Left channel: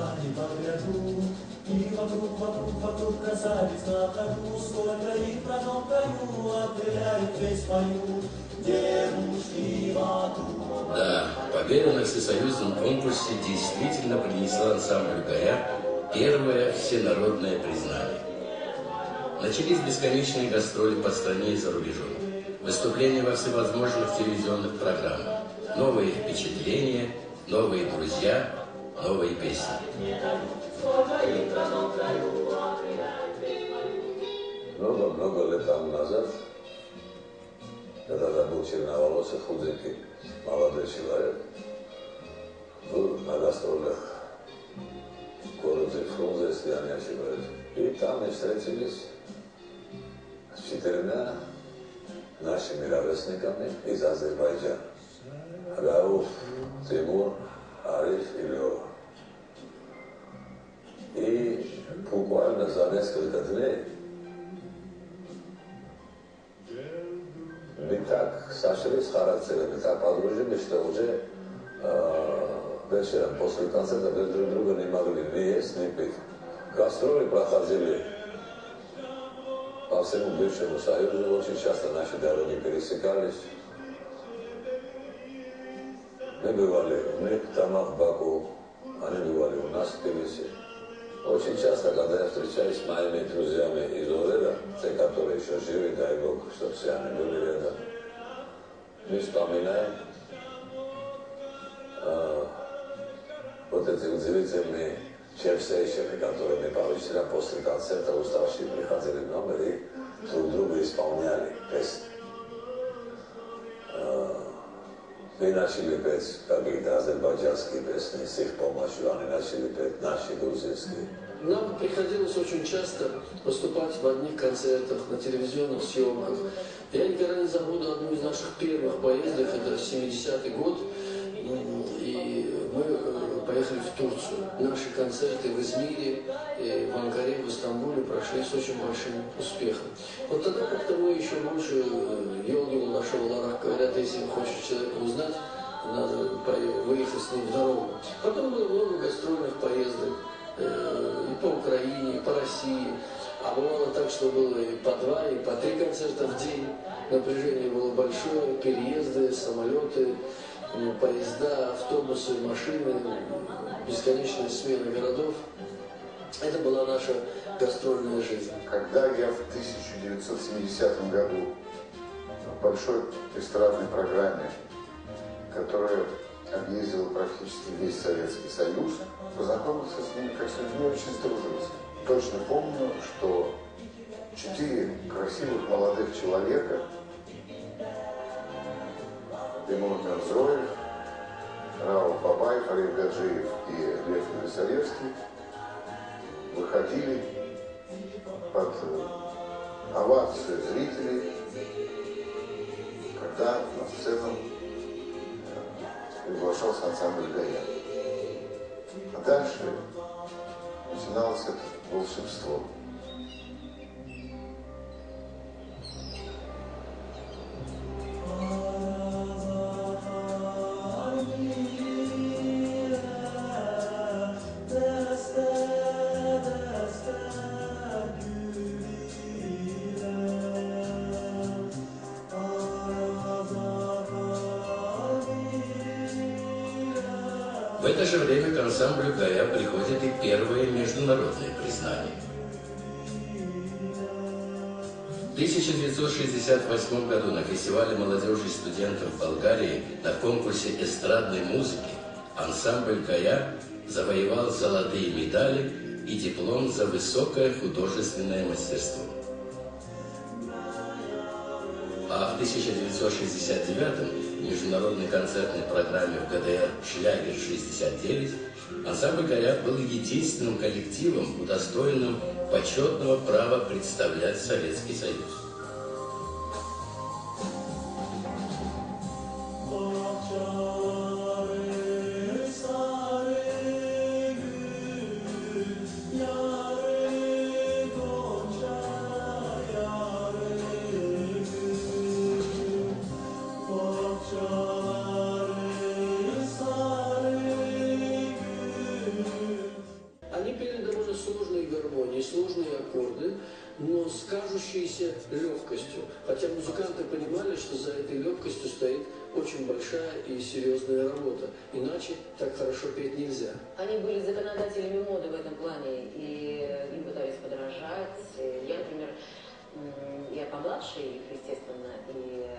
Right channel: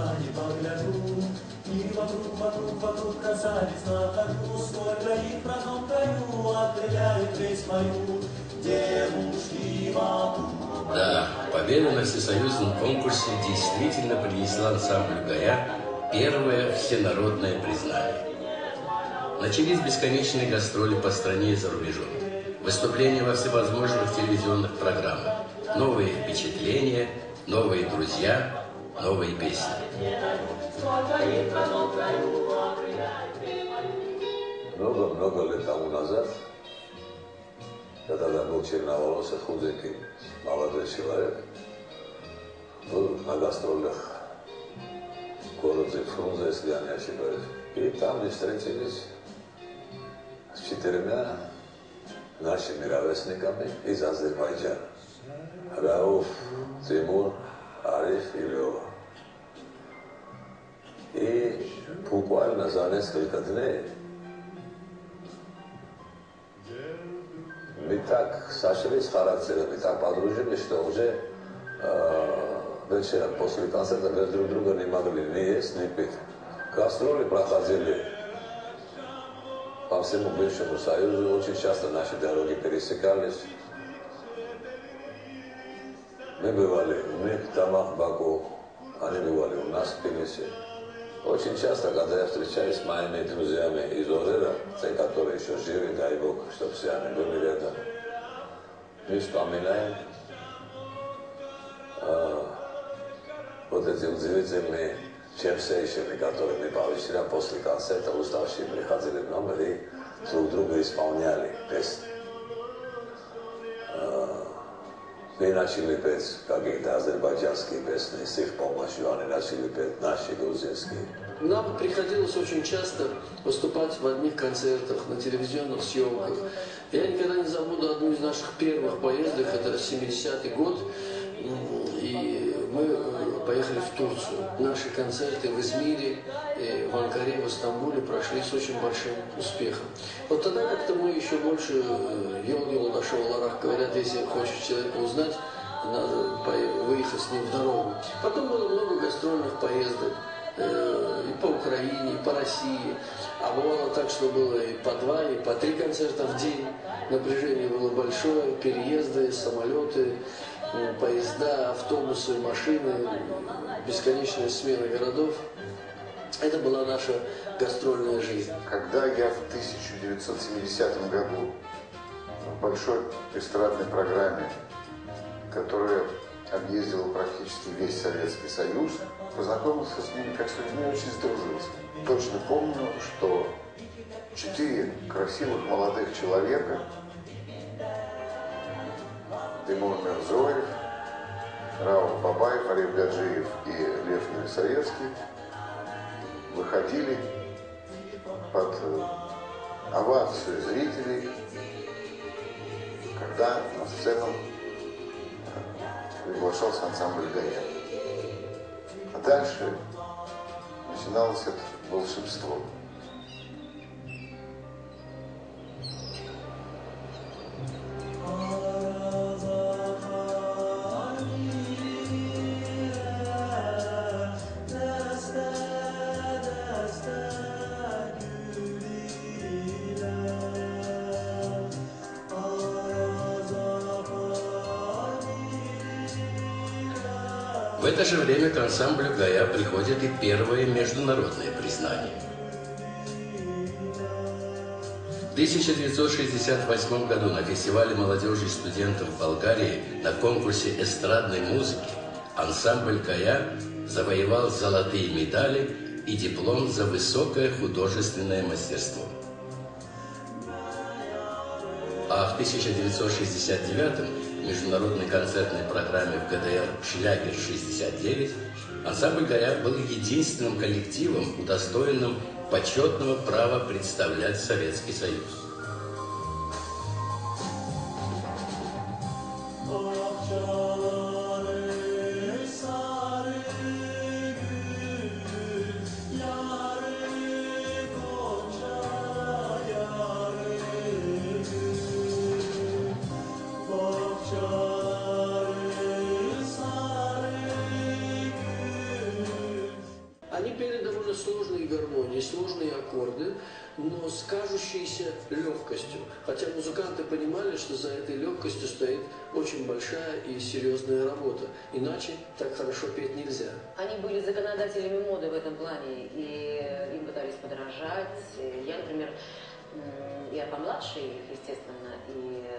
глаза не погляду. И вокруг красавиц на ходу, сколько их в родном краю, определяют весь мою девушки вокруг. Да, победа на всесоюзном конкурсе действительно принесла ансамблю «Гая» первое всенародное признание. Начались бесконечные гастроли по стране и за рубежом. Выступления во всевозможных телевизионных программах. Новые впечатления, новые друзья, новые песни. Много лет тому назад, когда я был черноволосый, худенький, молодой человек, был на гастролях в городе Фрунзе, если я не ошибаюсь. И там мы встретились с 4 нашими ровесниками из Азербайджана. Рауф, Тимур, Ариф и Лева. И буквально за несколько дней мы так сошлись с характерами, так подружились, что уже вечером после концерта мы друг друга не могли ни есть, ни пить. Гастроли проходили по всему бывшему Союзу, очень часто наши дороги пересекались. Мы бывали у них в домах в Баку, они бывали у нас в Тбилиси. Очень часто, когда я встречаюсь с моими друзьями из Орера, те, которые еще живы, дай Бог, чтобы все они были рядом, мы вспоминаем вот эти удивительные черсейшины, которые мы по вечерам после концерта уставшие приходили в номер и друг друга исполняли песни. Мы начали петь какие-то азербайджанские песни, с их помощью они начали петь наши грузинские. Нам приходилось очень часто выступать в одних концертах, на телевизионных съемках. Я никогда не забуду одну из наших первых поездок, это 70-й год, и мы поехали в Турцию. Наши концерты в Измире, в Анкаре, в Стамбуле прошли с очень большим успехом. Вот тогда как-то мы еще больше ел-ел нашел Ларах, говорят, если хочешь человека узнать, надо выехать с ним в дорогу. Потом было много гастрольных поездок и по Украине, и по России. А бывало так, что было и по 2, и по 3 концерта в день. Напряжение было большое, переезды, самолеты, поезда, автобусы, машины, бесконечные смены городов. Это была наша гастрольная жизнь. Когда я в 1970 году в большой эстрадной программе, которая объездила практически весь Советский Союз, познакомился с ними как с людьми, очень сдружился. Точно помню, что 4 красивых молодых человека, Тимур Мирзоев, Рауф Бабаев, Ариф Гаджиев и Лев Елисаевский, выходили под овацию зрителей, когда на сцену приглашался ансамбль «Гая». А дальше начиналось это волшебство. В это же время к ансамблю «Гая» приходит и первое международное признание. В 1968 году на фестивале молодежи и студентов в Болгарии на конкурсе эстрадной музыки ансамбль «Гая» завоевал золотые медали и диплом за высокое художественное мастерство. А в 1969 в международной концертной программе в ГДР «Шлягер-69» ансамбль «Гая» был единственным коллективом, удостоенным почетного права представлять Советский Союз. сложные аккорды, но с кажущейся легкостью. Хотя музыканты понимали, что за этой легкостью стоит очень большая и серьезная работа. Иначе так хорошо петь нельзя. Они были законодателями моды в этом плане, и им пытались подражать. Я, например, я помладше их, естественно, и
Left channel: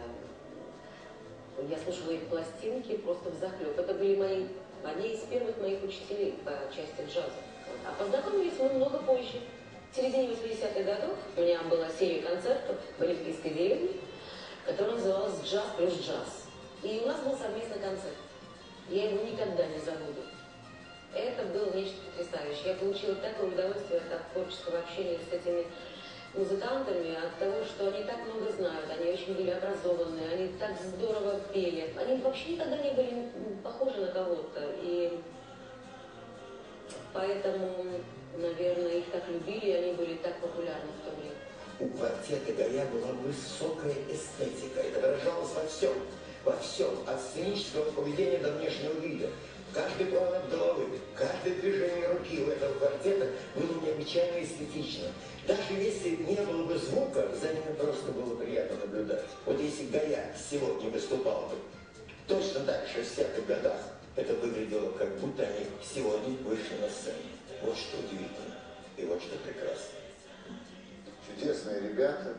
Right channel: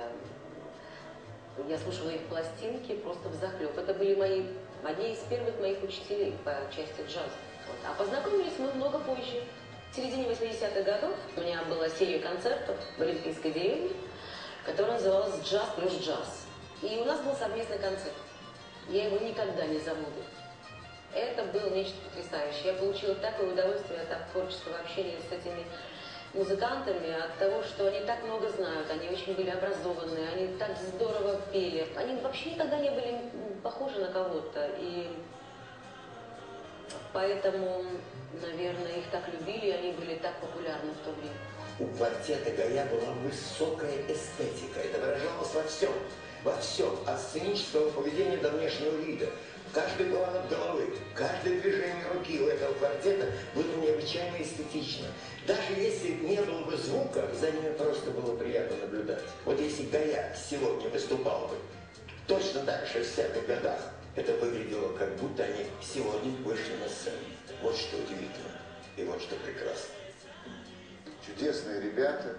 я слушала их пластинки просто взахлеб. Это были одни из первых моих учителей по части джаза. Вот. А познакомились мы много позже. В середине 80-х годов у меня была серия концертов в Олимпийской деревне, которая называлась «Джаз плюс джаз». И у нас был совместный концерт. Я его никогда не забуду. Это было нечто потрясающее. Я получила такое удовольствие от творческого общения с этими музыкантами, от того, что они так много знают, они очень были образованные, они так здорово пели. Они вообще никогда не были похожи на кого-то. И поэтому, наверное, их так любили, и они были так популярны в то время. У квартета «Гая» была высокая эстетика. Это выражалось во всем. Во всем. От сценического поведения до внешнего вида. Каждый поворот головы, каждое движение руки у этого квартета было необычайно эстетично. Даже если не было бы звука, за ними просто было приятно наблюдать. Вот если «Гая» сегодня выступал бы точно так, в 60-х годах, это выглядело, как будто они сегодня вышли на сцену. Вот что удивительно и вот что прекрасно. Чудесные ребята.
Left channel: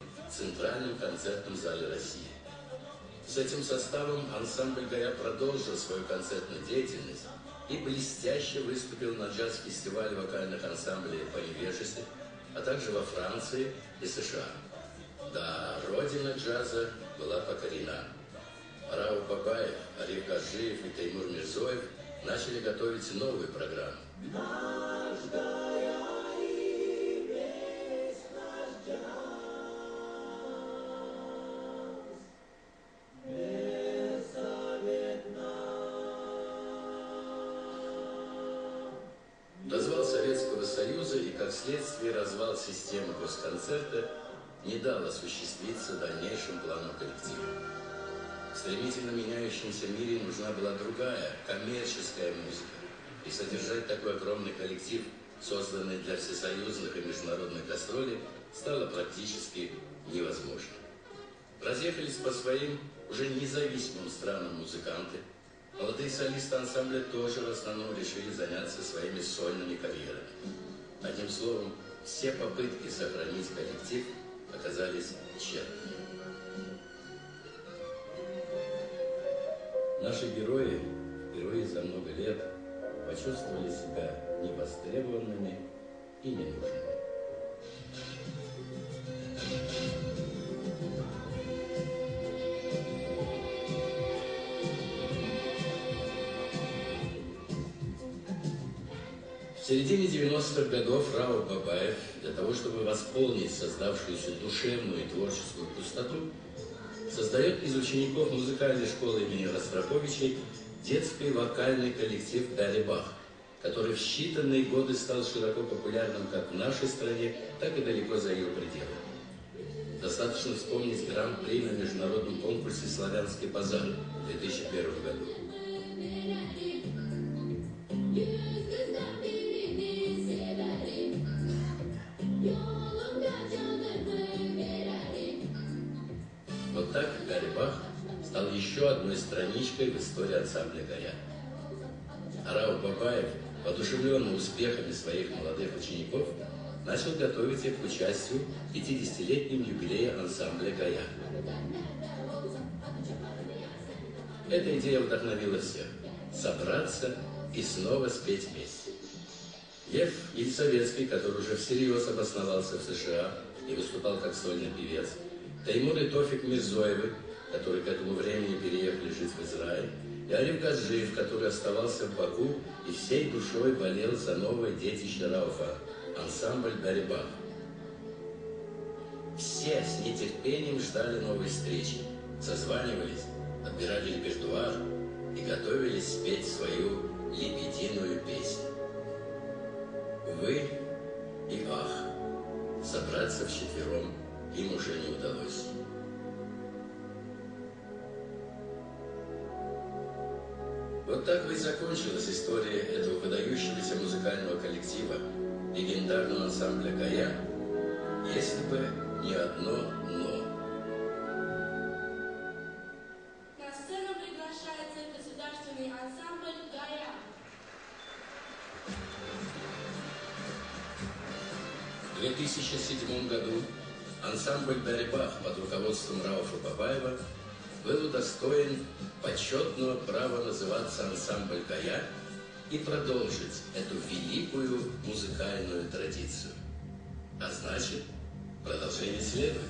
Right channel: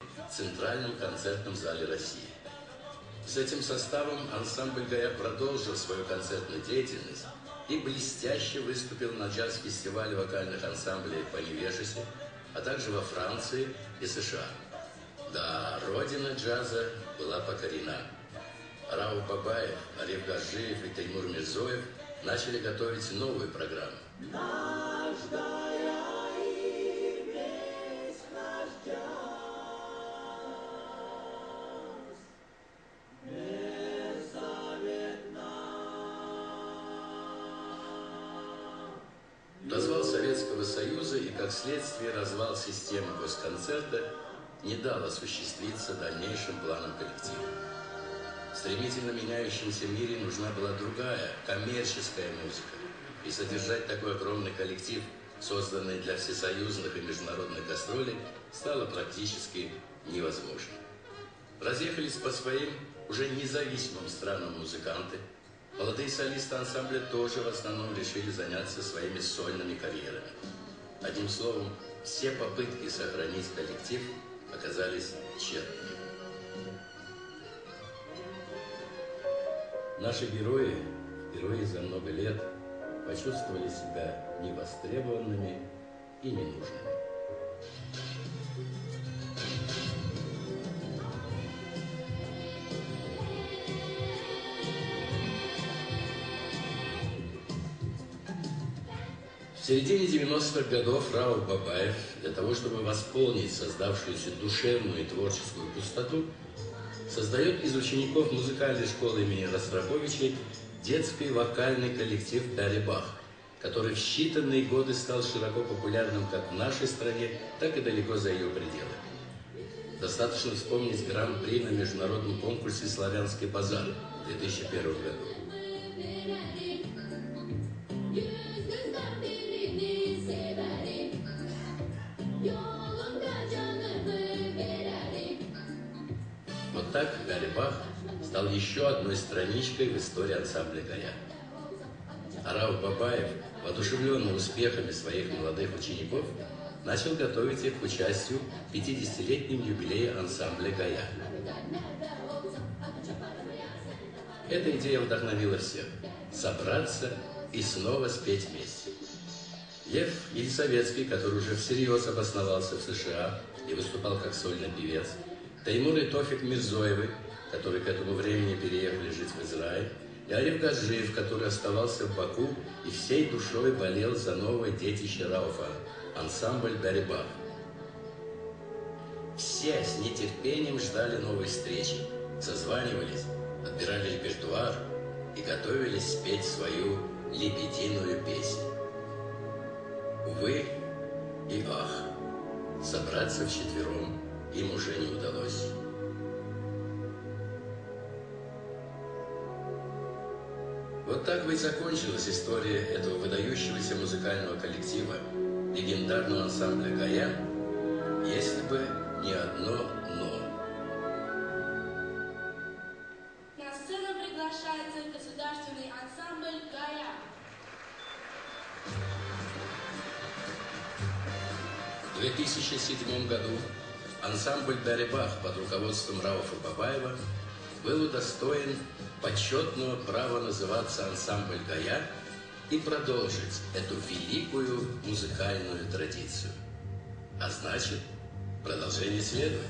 В Центральном концертном зале России. С этим составом ансамбль «Гая» продолжил свою концертную деятельность и блестяще выступил на джаз-фестивале вокальных ансамблей по Невежеству, а также во Франции и США. Да, родина джаза была покорена. Рауф Бабаев, Ариф Гаджиев и Теймур Мирзоев начали готовить новую программу. Развал Советского Союза и, как следствие, развал системы госконцерта не дал осуществиться дальнейшим планам коллектива. В стремительно меняющемся мире нужна была другая, коммерческая музыка. И содержать такой огромный коллектив, созданный для всесоюзных и международных гастролей, стало практически невозможно. Разъехались по своим уже независимым странам музыканты. Молодые солисты ансамбля тоже в основном решили заняться своими сольными карьерами. Одним словом, все попытки сохранить коллектив оказались тщетными. Наши герои, впервые за много лет, почувствовали себя невостребованными и ненужными. В середине 90-х годов Рауф Бабаев для того, чтобы восполнить создавшуюся душевную и творческую пустоту, создает из учеников музыкальной школы имени Ростроповичей детский вокальный коллектив «Барри Бах», который в считанные годы стал широко популярным как в нашей стране, так и далеко за ее пределами. Достаточно вспомнить гран-при на международном конкурсе «Славянский базар» в 2001 году. Вот так Барри Бах стал еще одной страничкой в истории ансамбля «Гая». А Рауф Бабаев, воодушевленный успехами своих молодых учеников, начал готовить их к участию в 50-летнем юбилее ансамбля «Гая». Эта идея вдохновила всех – собраться и снова спеть вместе. Лев Ельцовецкий, который уже всерьез обосновался в США и выступал как сольный певец, Теймур и Тофик Мирзоевы, которые к этому времени переехали жить в Израиль, и Ариф Гаджиев, который оставался в Баку и всей душой болел за новое детище Рауфа – ансамбль «Барри Бах». Все с нетерпением ждали новой встречи, созванивались, отбирали репертуар и готовились спеть свою лебединую песню. Увы и ах, собраться вчетвером им уже не удалось. Вот так бы и закончилась история этого выдающегося музыкального коллектива, легендарного ансамбля «Гая», если бы не одно «но». На сцену приглашается государственный ансамбль «Гая». В 2007 году ансамбль «Дарибах» под руководством Рауфа Бабаева был удостоен почетного права называться ансамбль «Гая» и продолжить эту великую музыкальную традицию. А значит, продолжение следует.